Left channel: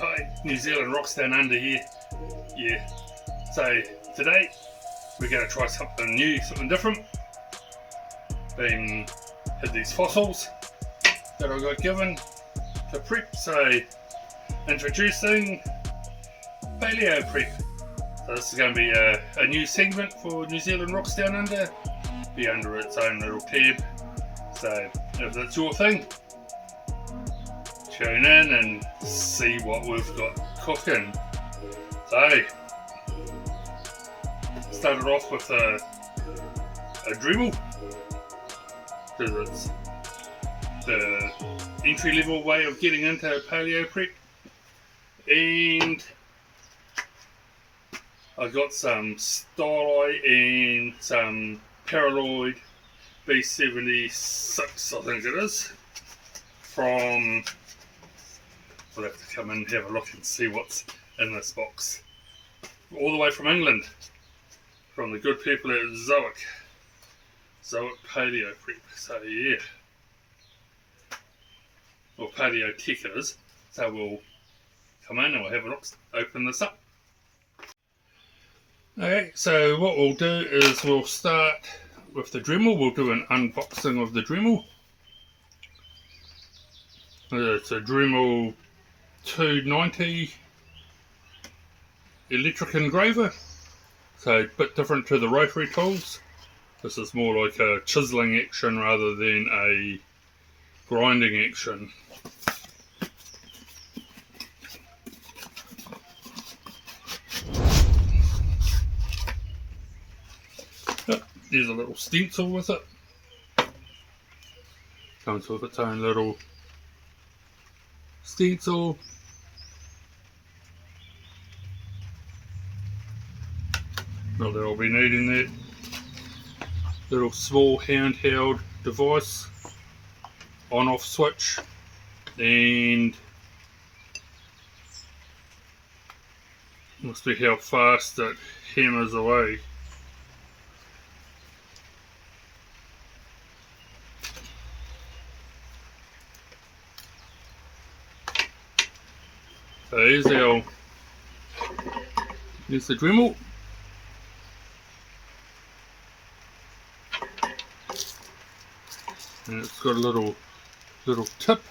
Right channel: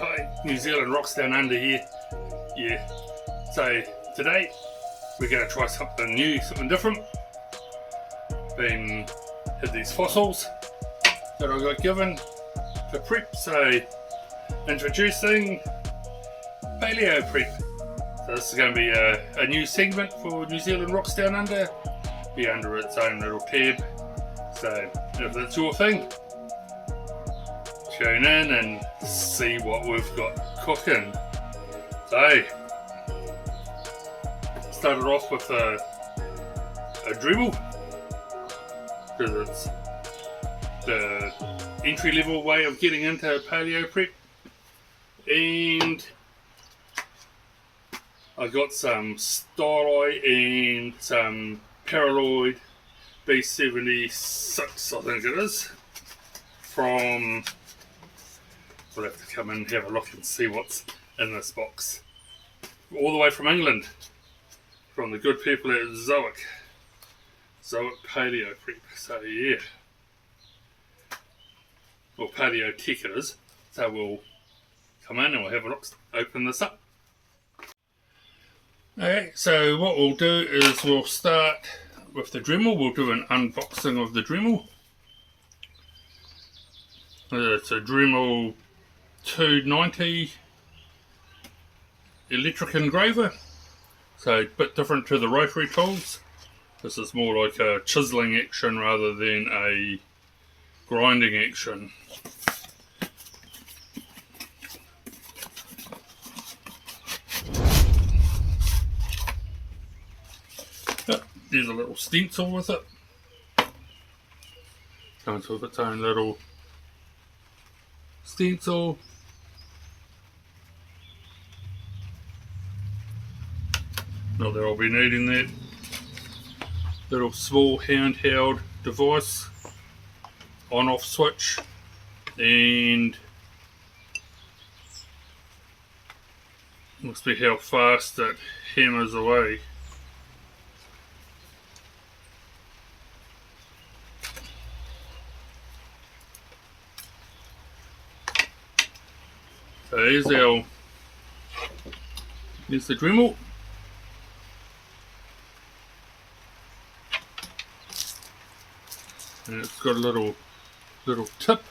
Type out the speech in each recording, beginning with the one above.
Hi, New Zealand rocks down under here. Yeah, so today we're going to try something new, something different. Had these fossils that I got given to prep, so introducing Paleo prep. So this is going to be a new segment for New Zealand rocks down under, be under its own little tab. So if that's your thing, tune in and see what we've got cooking. So, started off with a Dremel, because it's the entry level way of getting into Paleo prep. And I got some stylus and some Paraloid B76, I think it is, from, we'll have to come in and have a look and see what's in this box. All the way from England, from the good people at Zoic Paleo prep. So yeah, or Paleo tech it is. So we'll come in and we'll have a look, open this up. Okay, so what we'll do is we'll start with the Dremel. We'll do an unboxing of the Dremel. It's a Dremel 290 electric engraver, so a bit different to the rotary tools. This is more like a chiseling action rather than a grinding action. There's a little stencil with it. Comes with its own little stencil. Not that I'll be needing that. Little small handheld device, on-off switch, and must be how fast it hammers away. So here's the Dremel. And it's got a little tip.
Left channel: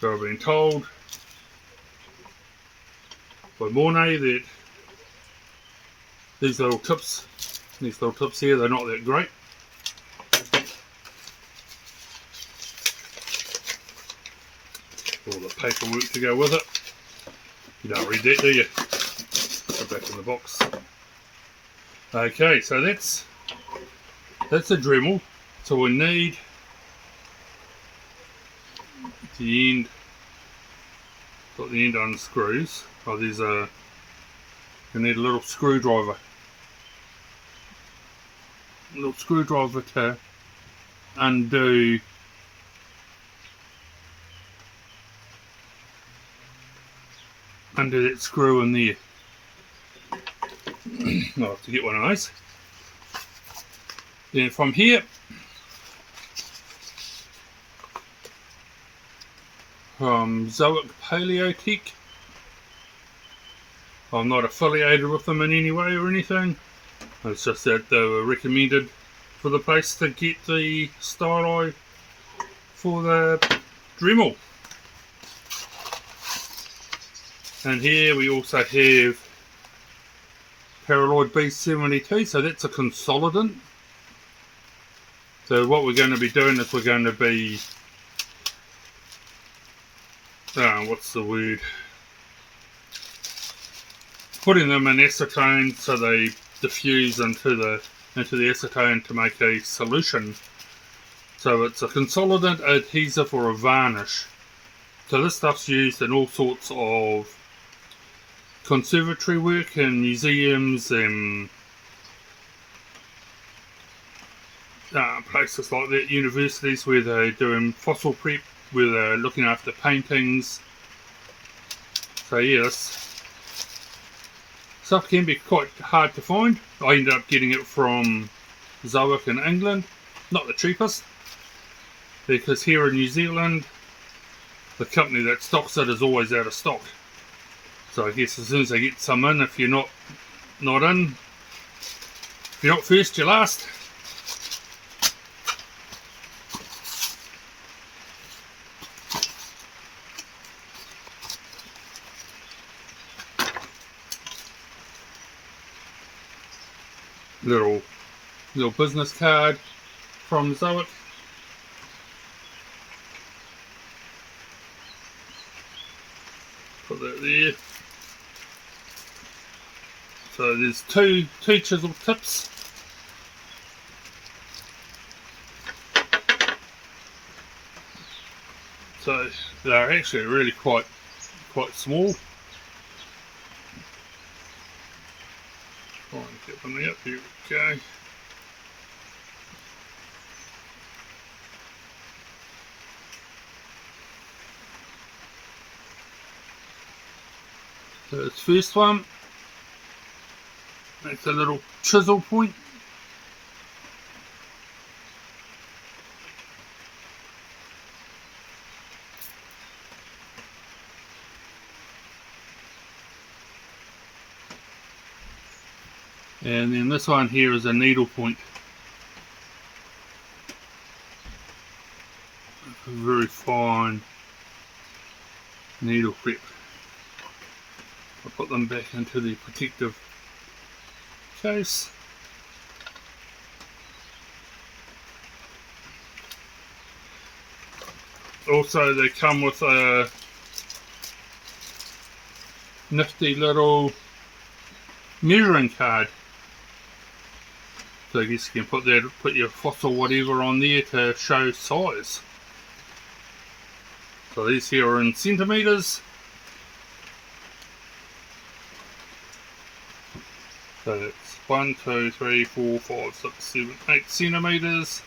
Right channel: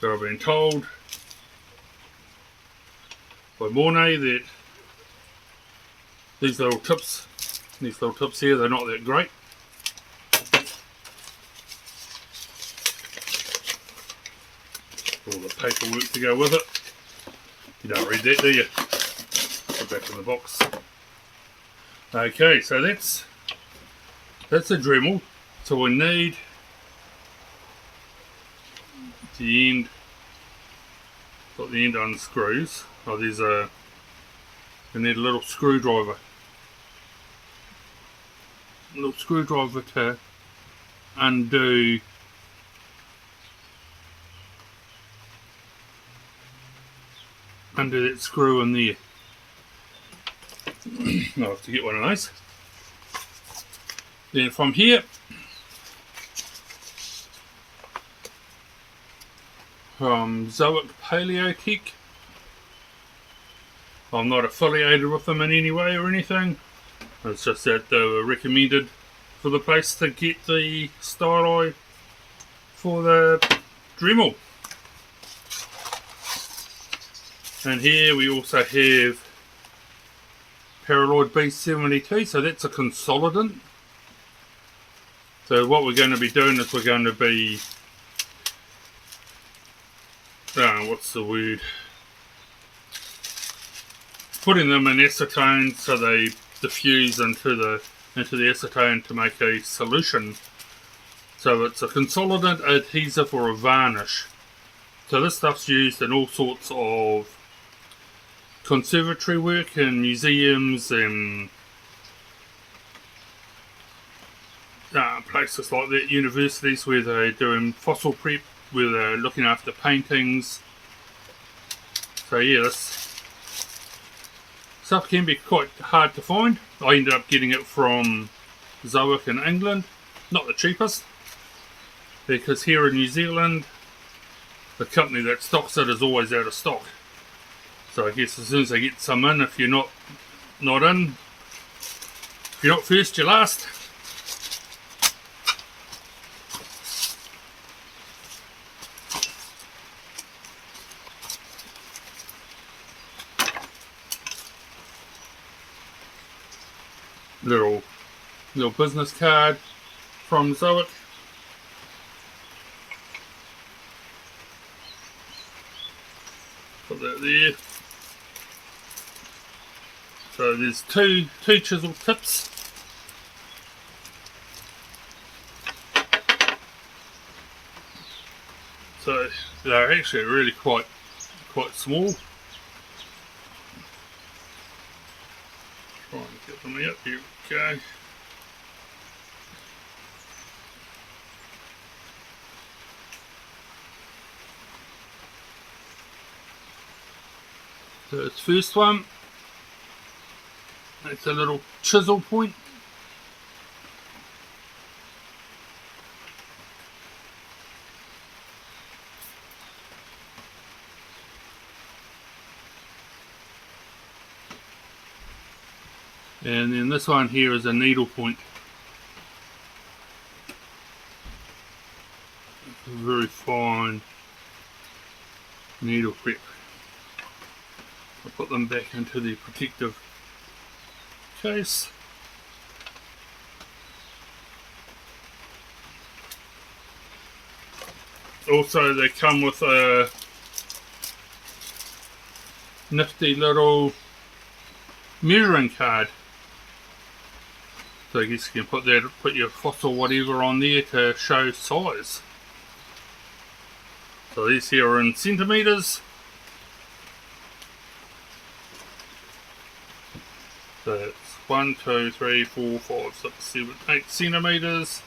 So I've been told by Mornay that these little tips here, they're not that great. All the paperwork to go with it. You don't read that, do you? Put back in the box. Okay, so that's a Dremel. So we need the end. Got the end unscrews. Oh, we need a little screwdriver. A little screwdriver to undo that screw in there. I'll have to get one of those. Then from here, from Zoic Paleo Tech, I'm not affiliated with them in any way or anything. It's just that they were recommended for the place to get the stylus for the Dremel. And here we also have Paraloid B72, so that's a consolidant. So what we're going to be doing is we're going to be, what's the word? Putting them in acetone so they diffuse into the acetone to make a solution. So it's a consolidant, adhesive, or a varnish. So this stuff's used in all sorts of conservatory work in museums and places like that, universities where they're doing fossil prep, where they're looking after paintings. So yeah, this stuff can be quite hard to find. I ended up getting it from Zoic in England. Not the cheapest, because here in New Zealand the company that stocks it is always out of stock. So I guess as soon as they get some in, if you're not in, if you're not first, you're last. Little business card from Zoic. Put that there. So there's two chisel tips. So they're actually really quite small. Try and get them out. Here we go. So this first one, that's a little chisel point. And then this one here is a needle point. A very fine needle prep. I'll put them back into the protective case. Also, they come with a nifty little measuring card. So I guess you can put your fossil whatever on there to show size. So these here are in centimetres. So it's 1, 2, 3, 4, 5, 6, 7, 8 centimetres.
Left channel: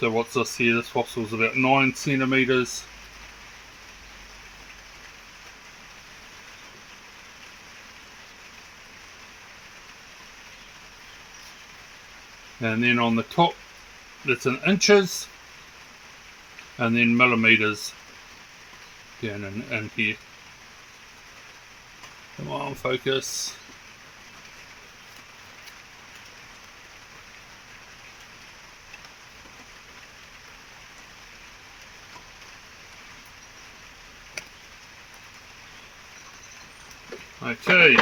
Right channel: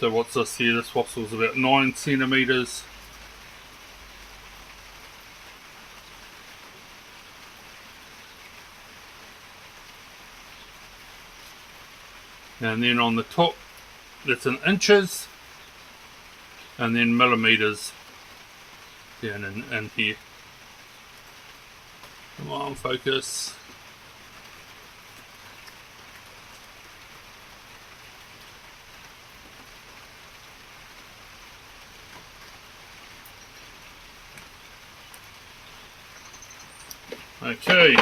So what's this here? This fossil's about 9 centimetres. And then on the top, that's in inches, and then millimetres down in here. Come on, focus. Okay.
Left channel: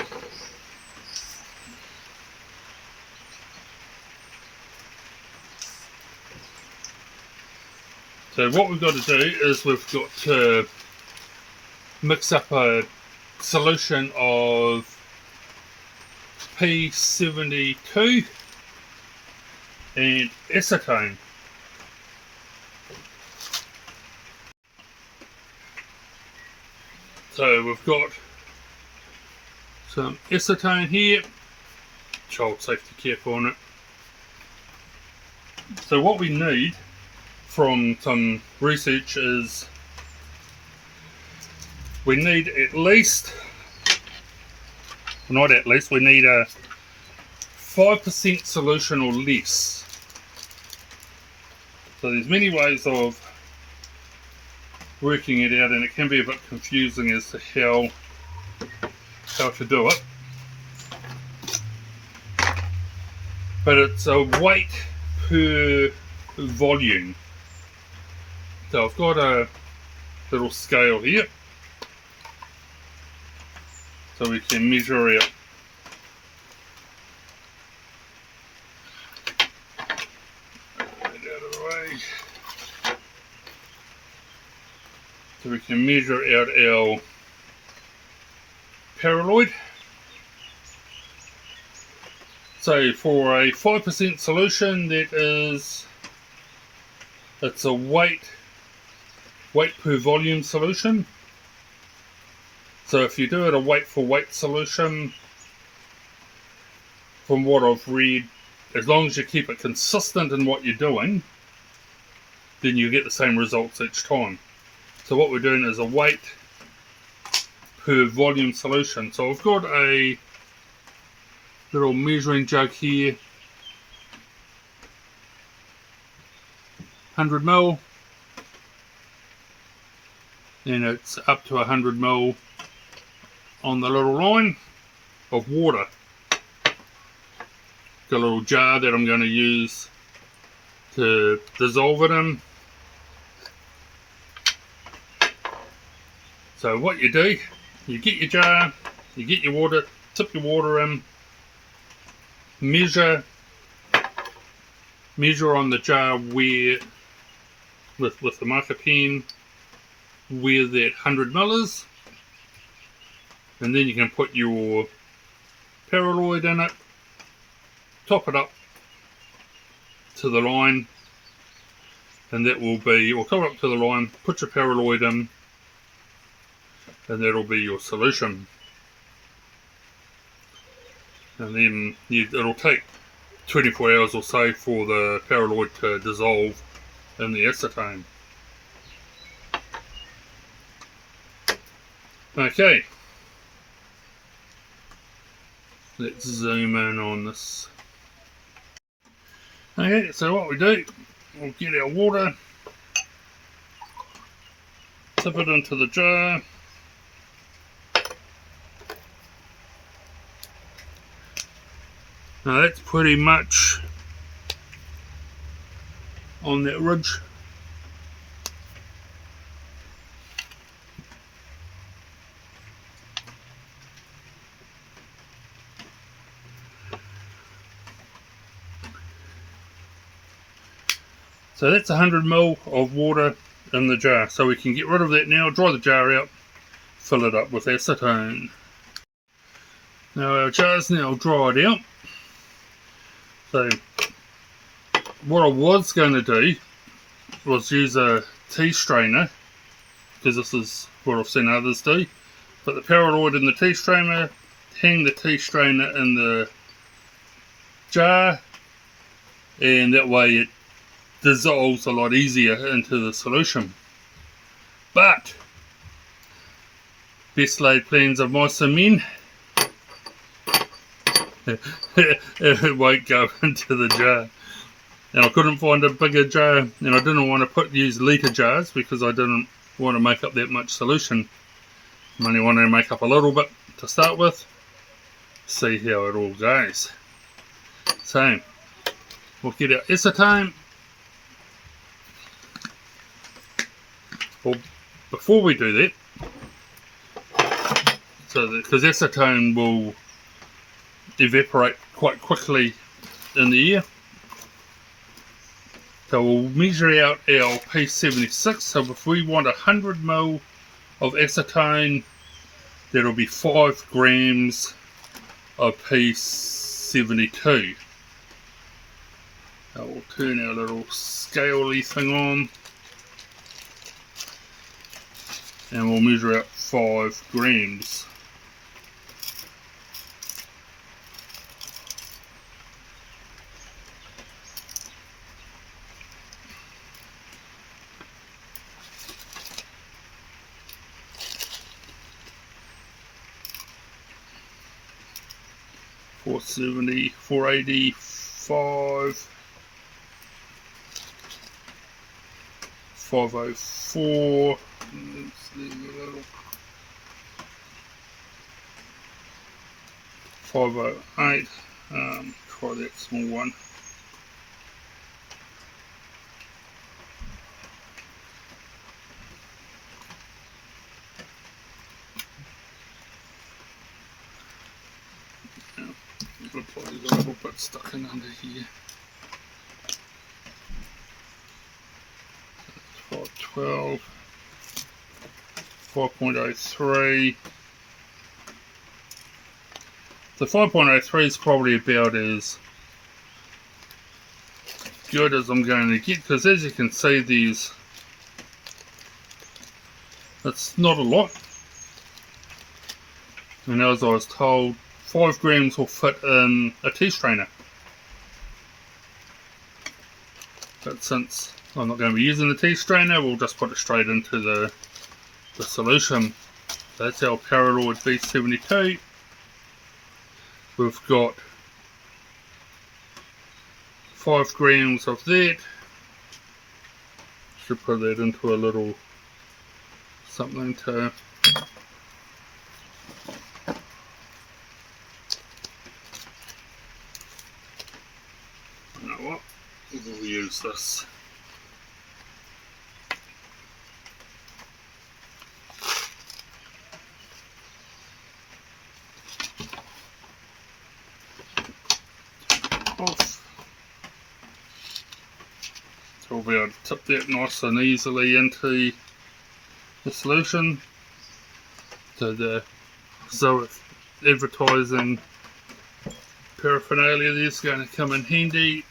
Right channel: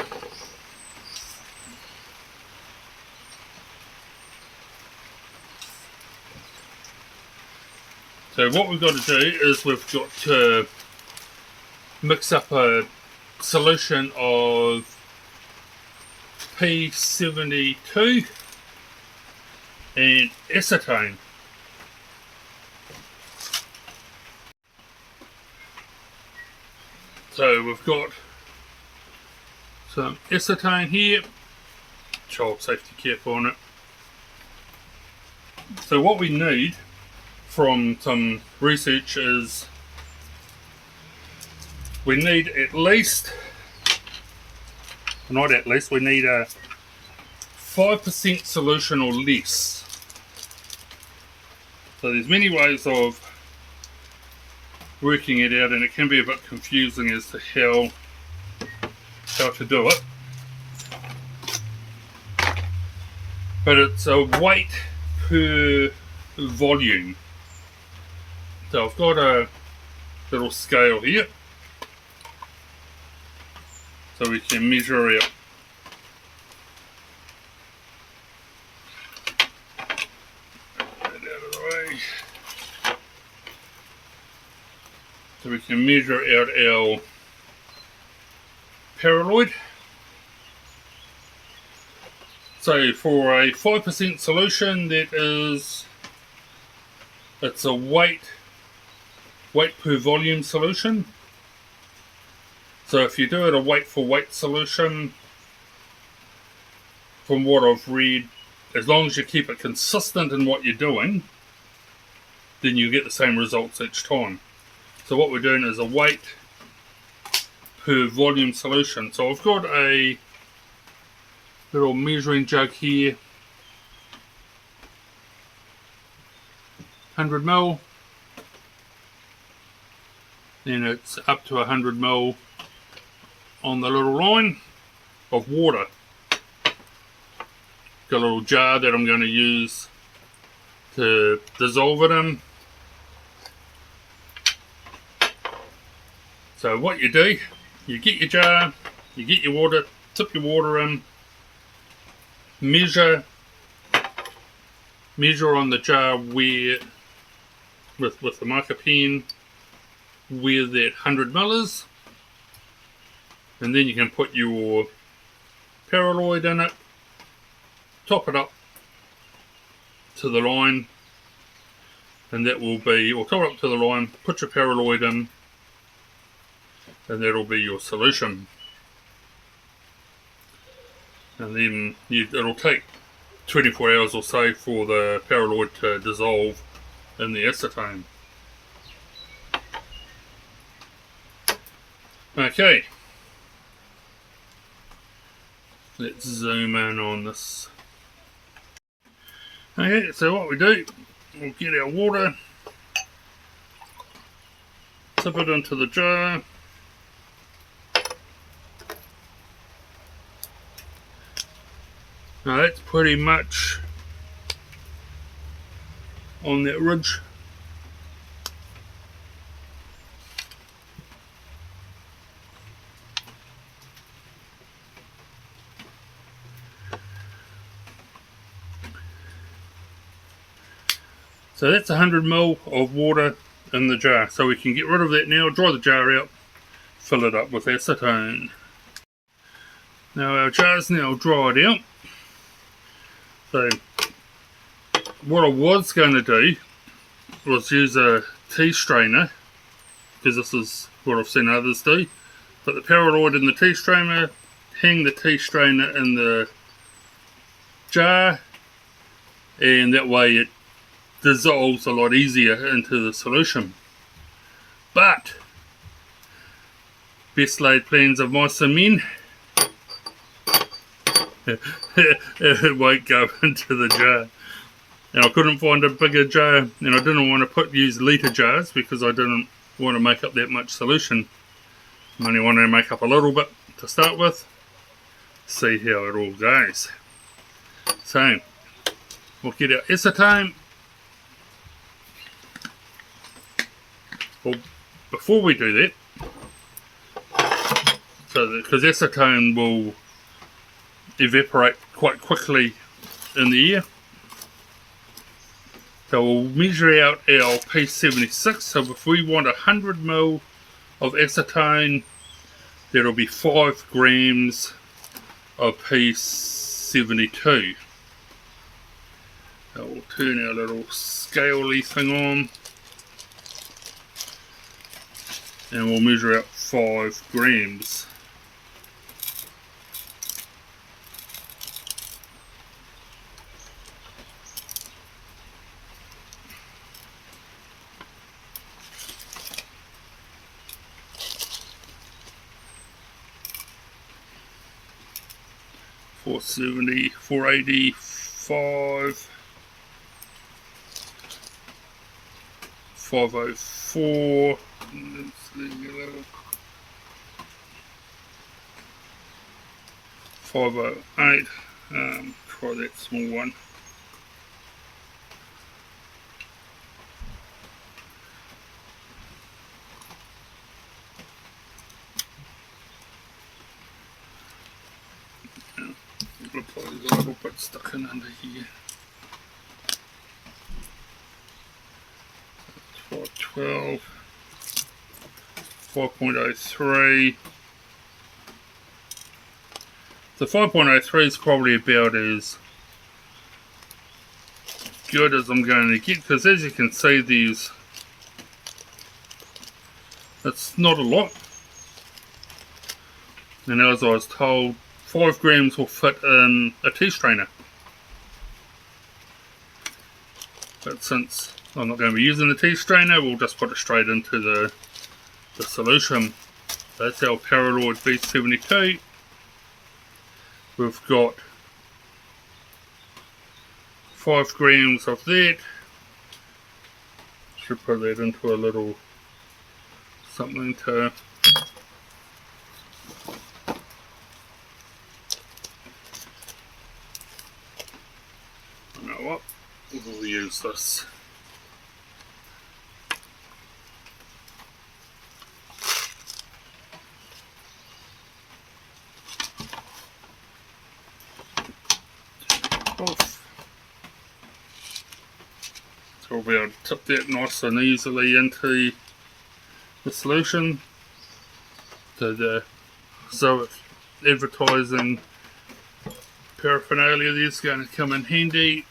So what we've got to do is we've got to mix up a solution of B72 and acetone. So we've got some acetone here, child safety cap on it. So what we need from some research is we need we need a 5% solution or less. So there's many ways of working it out, and it can be a bit confusing as to how to do it. But it's a weight per volume. So I've got a little scale here, so we can measure out. Get that out of the way. So we can measure out our paraloid. So for a 5% solution, it's a weight per volume solution. So if you do it a weight for weight solution, from what I've read, as long as you keep it consistent in what you're doing, then you get the same results each time. So what we're doing is a weight per volume solution. So I've got a little measuring jug here. 100 ml. Then it's up to 100 ml on the little line of water. Got a little jar that I'm going to use to dissolve it in. So what you do, you get your jar, you get your water, tip your water in, measure on the jar where, with the marker pen, where that 100 ml is, and then you can put your Paraloid in it, top it up to the line, and that will be, or top it up to the line, put your Paraloid in, and that'll be your solution. And then it'll take 24 hours or so for the Paraloid to dissolve in the acetone. Okay, let's zoom in on this. Okay, so what we do, we'll get our water, tip it into the jar, now that's pretty much on that ridge. So that's 100 ml of water in the jar. So we can get rid of that now, dry the jar out, fill it up with acetone. Now our jar's now dried out. So what I was going to do was use a tea strainer, because this is what I've seen others do. Put the Paraloid in the tea strainer, hang the tea strainer in the jar, and that way it dissolves a lot easier into the solution. But best laid plans of mice and men, it won't go into the jar. And I couldn't find a bigger jar, and I didn't want to use litre jars because I didn't want to make up that much solution. I only wanted to make up a little bit to start with, see how it all goes. So we'll get our acetone. Well, before we do that, because acetone will evaporate quite quickly in the air, so we'll measure out our P76. So if we want 100 ml of acetone, that'll be 5 grams of P72. So we'll turn our little scaley thing on, and we'll measure out 5 grams. $470, $485, $504. Let's leave a little. 508. Try that small one. Looks like there's a little bit stuck in under here. 512, 5.03. The 5.03 is probably about as good as I'm going to get, because as you can see, that's not a lot. And as I was told, 5 grams will fit in a tea strainer. But since I'm not going to be using the tea strainer, we'll just put it straight into the solution. That's our Paraloid B72. We've got 5 grams of that. Should put that into a little something to you know what? We'll use this. Off. So we'll be able to tip that nice and easily into the solution. So the Zoic advertising paraphernalia is going to come in handy.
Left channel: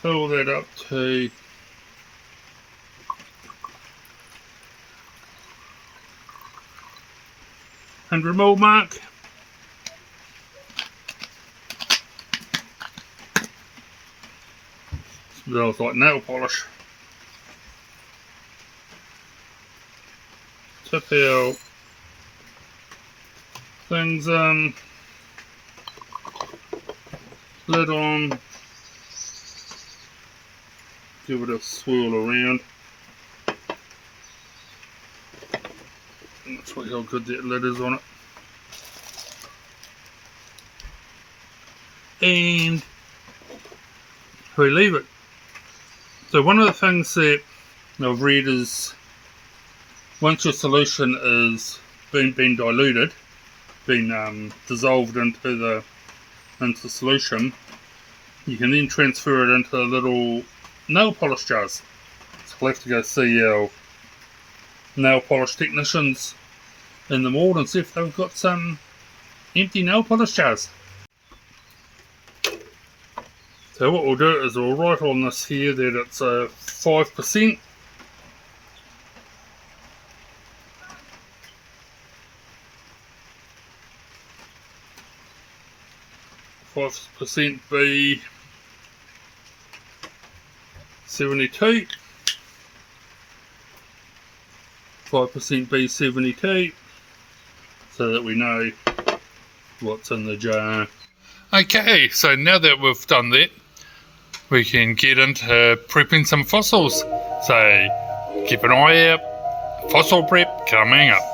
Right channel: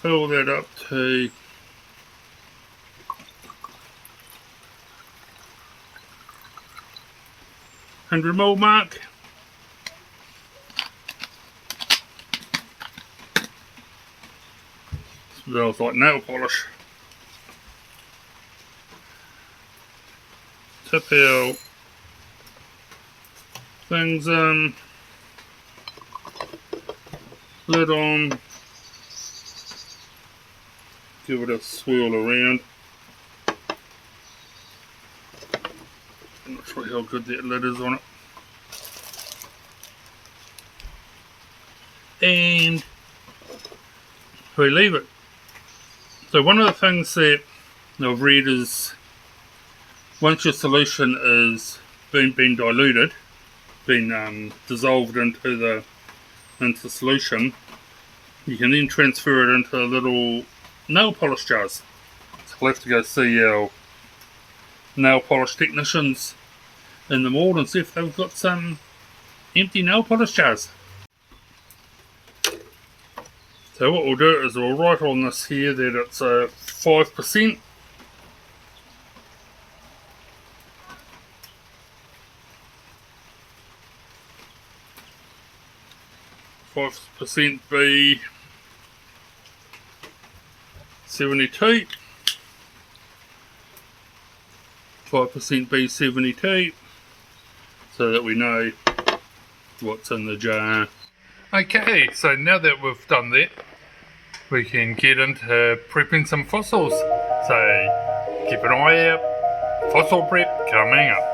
Fill that up to 100 ml mark. Smells like nail polish. Tip our things in. Lid on. Give it a swirl around. I'm not sure how good that lid is on it. And we leave it. So one of the things that I've read is once your solution is been diluted, been dissolved into the solution, you can then transfer it into little nail polish jars. So we'll have to go see our nail polish technicians in the mall and see if they've got some empty nail polish jars. So what we'll do is we'll write on this here that it's a 5%. B72, 5% B72, so that we know what's in the jar. Okay, so now that we've done that, we can get into prepping some fossils. So keep an eye out, fossil prep coming up.